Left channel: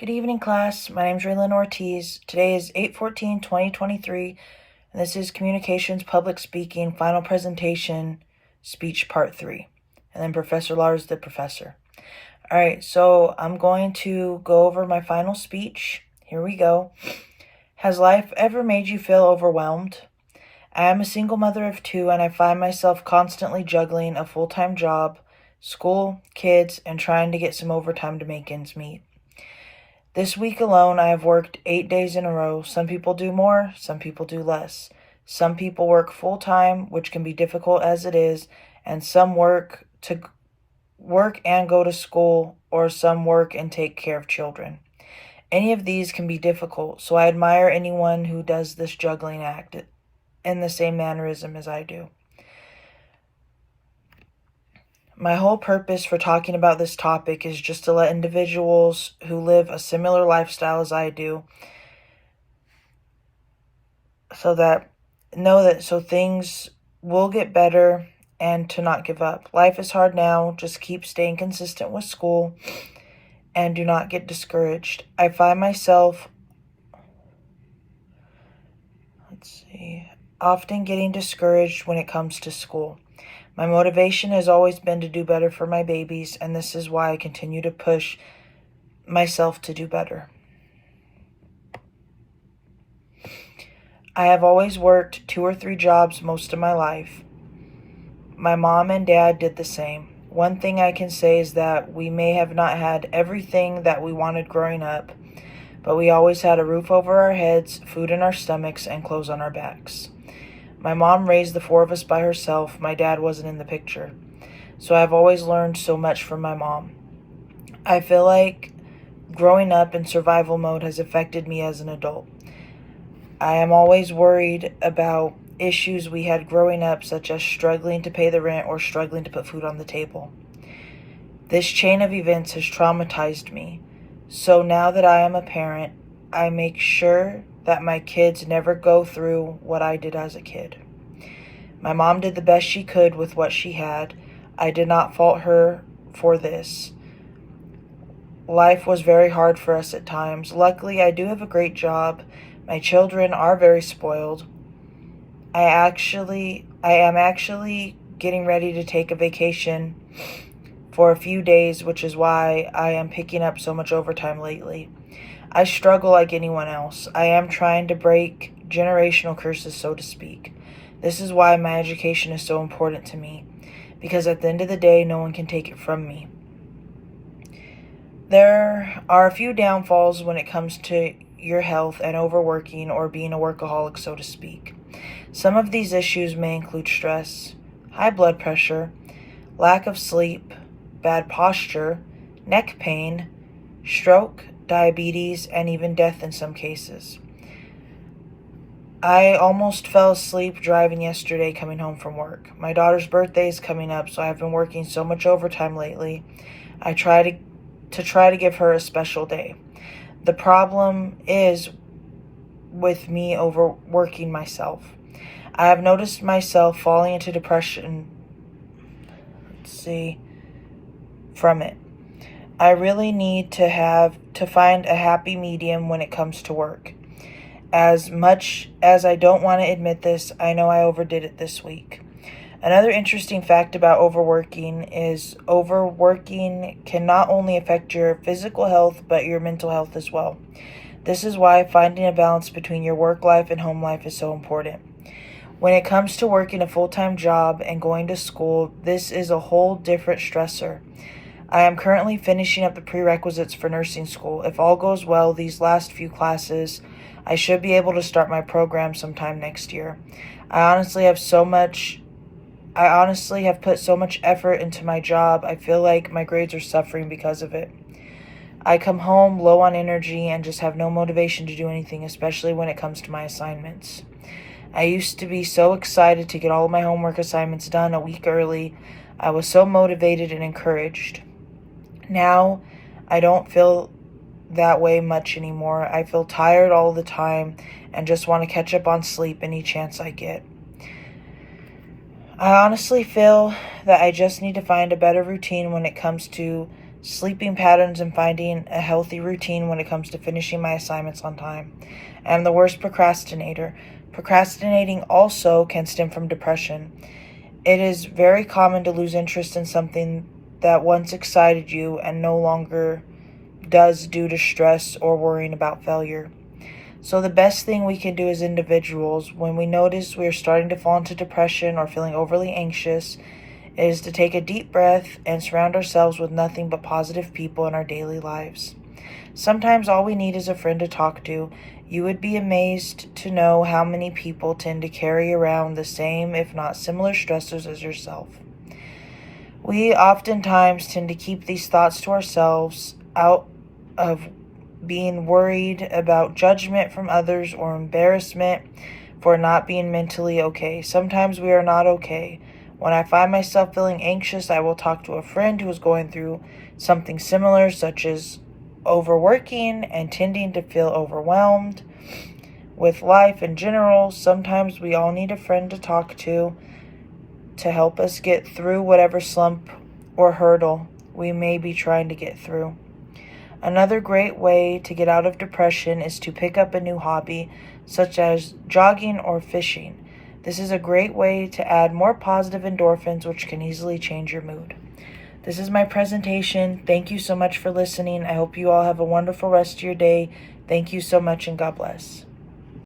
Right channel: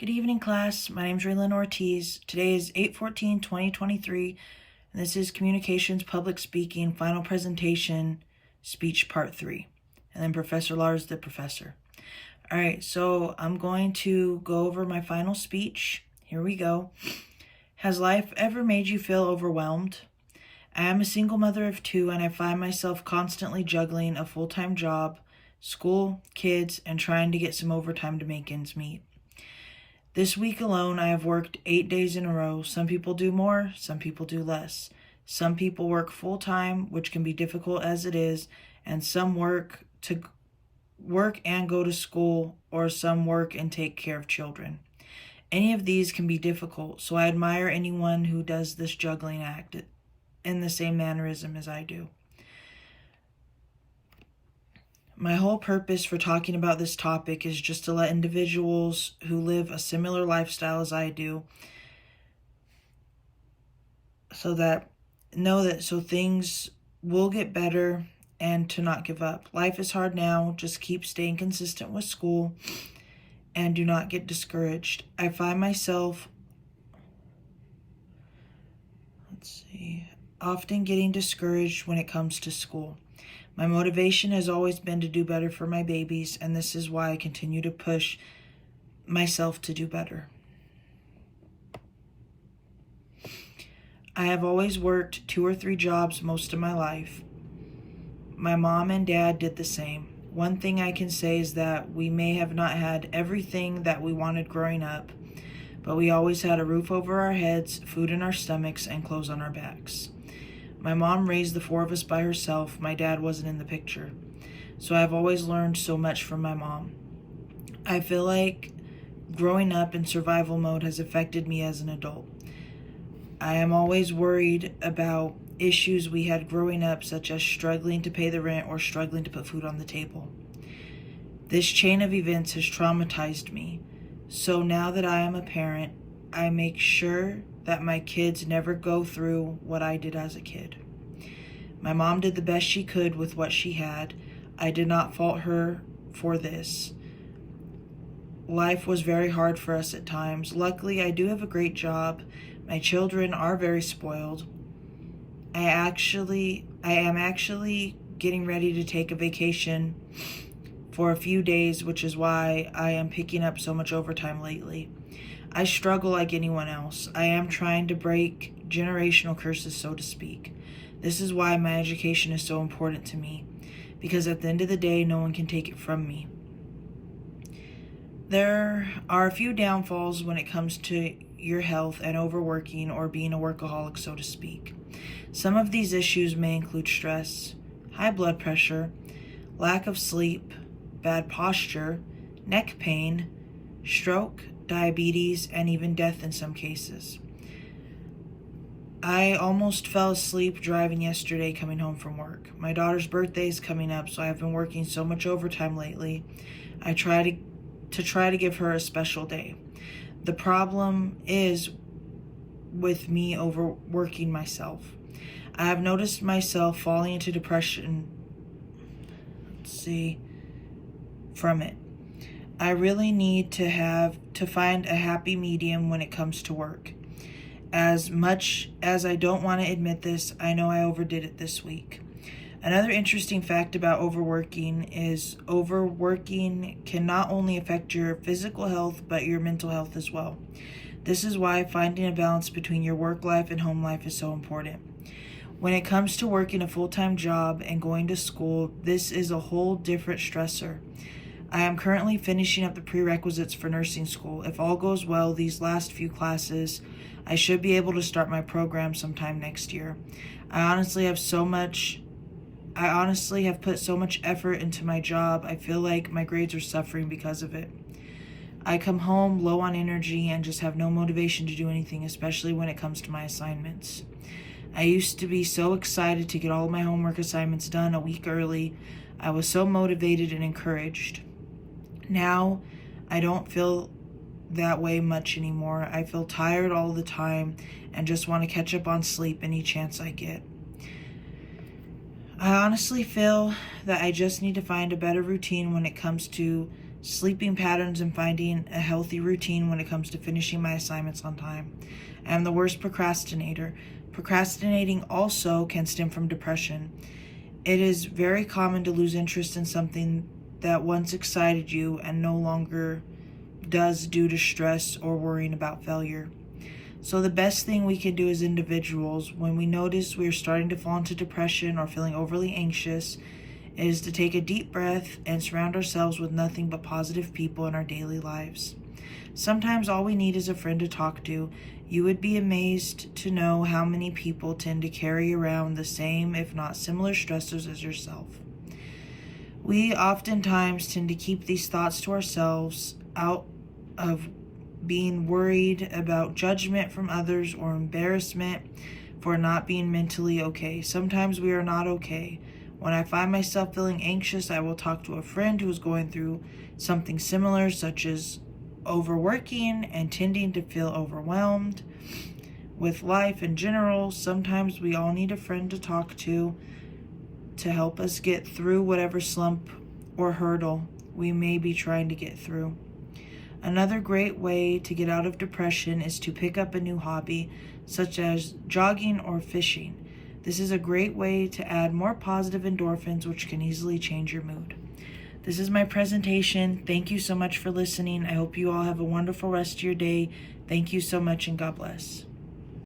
Good evening, class. My name is Raylan Ortiz. Today is 8/14/2023, and this is Communications Public Speaking Final Presentation Speech Part 3. And then Professor Lars, the professor. All right, so I'm going to go over my final speech. Here we go. Has life ever made you feel overwhelmed? I am a single mother of 2, and I find myself constantly juggling a full-time job, school, kids, and trying to get some overtime to make ends meet. This week alone, I have worked 8 days in a row. Some people do more, some people do less. Some people work full-time, which can be difficult as it is, and some work and go to school, or some work and take care of children. Any of these can be difficult, so I admire anyone who does this juggling act in the same mannerism as I do. My whole purpose for talking about this topic is just to let individuals who live a similar lifestyle as I do so things will get better and to not give up. Life is hard now. Just keep staying consistent with school and do not get discouraged. I find myself often getting discouraged when it comes to school. My motivation has always been to do better for my babies, and this is why I continue to push myself to do better. I have always worked 2 or 3 jobs most of my life. My mom and dad did the same. One thing I can say is that we may have not had everything that we wanted growing up, but we always had a roof over our heads, food in our stomachs, and clothes on our backs. My mom raised the 4 of us by herself. My dad wasn't in the picture. So I've always learned so much from my mom. I feel like growing up in survival mode has affected me as an adult. I am always worried about issues we had growing up, such as struggling to pay the rent or struggling to put food on the table. This chain of events has traumatized me. So now that I am a parent, I make sure that my kids never go through what I did as a kid. My mom did the best she could with what she had. I did not fault her for this. Life was very hard for us at times. Luckily, I do have a great job. My children are very spoiled. I am actually getting ready to take a vacation for a few days, which is why I am picking up so much overtime lately. I struggle like anyone else. I am trying to break generational curses, so to speak. This is why my education is so important to me, because at the end of the day, no one can take it from me. There are a few downfalls when it comes to your health and overworking or being a workaholic, so to speak. Some of these issues may include stress, high blood pressure, lack of sleep, bad posture, neck pain, stroke, diabetes, and even death in some cases. I almost fell asleep driving yesterday coming home from work. My daughter's birthday is coming up, so I've been working so much overtime lately. I try to give her a special day. The problem is with me overworking myself. I have noticed myself falling into depression from it. I really need to find a happy medium when it comes to work. As much as I don't want to admit this, I know I overdid it this week. Another interesting fact about overworking is overworking can not only affect your physical health, but your mental health as well. This is why finding a balance between your work life and home life is so important. When it comes to working a full-time job and going to school, this is a whole different stressor. I am currently finishing up the prerequisites for nursing school. If all goes well, these last few classes, I should be able to start my program sometime next year. I honestly have put so much effort into my job. I feel like my grades are suffering because of it. I come home low on energy and just have no motivation to do anything, especially when it comes to my assignments. I used to be so excited to get all of my homework assignments done a week early. I was so motivated and encouraged. Now, I don't feel that way much anymore. I feel tired all the time and just want to catch up on sleep any chance I get. I honestly feel that I just need to find a better routine when it comes to sleeping patterns, and finding a healthy routine when it comes to finishing my assignments on time. I am the worst procrastinator. Procrastinating also can stem from depression. It is very common to lose interest in something that once excited you and no longer does due to stress or worrying about failure. So the best thing we can do as individuals when we notice we are starting to fall into depression or feeling overly anxious is to take a deep breath and surround ourselves with nothing but positive people in our daily lives. Sometimes all we need is a friend to talk to. You would be amazed to know how many people tend to carry around the same, if not similar, stressors as yourself. We oftentimes tend to keep these thoughts to ourselves out of being worried about judgment from others or embarrassment for not being mentally okay. Sometimes we are not okay. When I find myself feeling anxious, I will talk to a friend who is going through something similar, such as overworking and tending to feel overwhelmed with life in general. Sometimes we all need a friend to talk to help us get through whatever slump or hurdle we may be trying to get through. Another great way to get out of depression is to pick up a new hobby, such as jogging or fishing. This is a great way to add more positive endorphins, which can easily change your mood. This is my presentation. Thank you so much for listening. I hope you all have a wonderful rest of your day. Thank you so much, and God bless.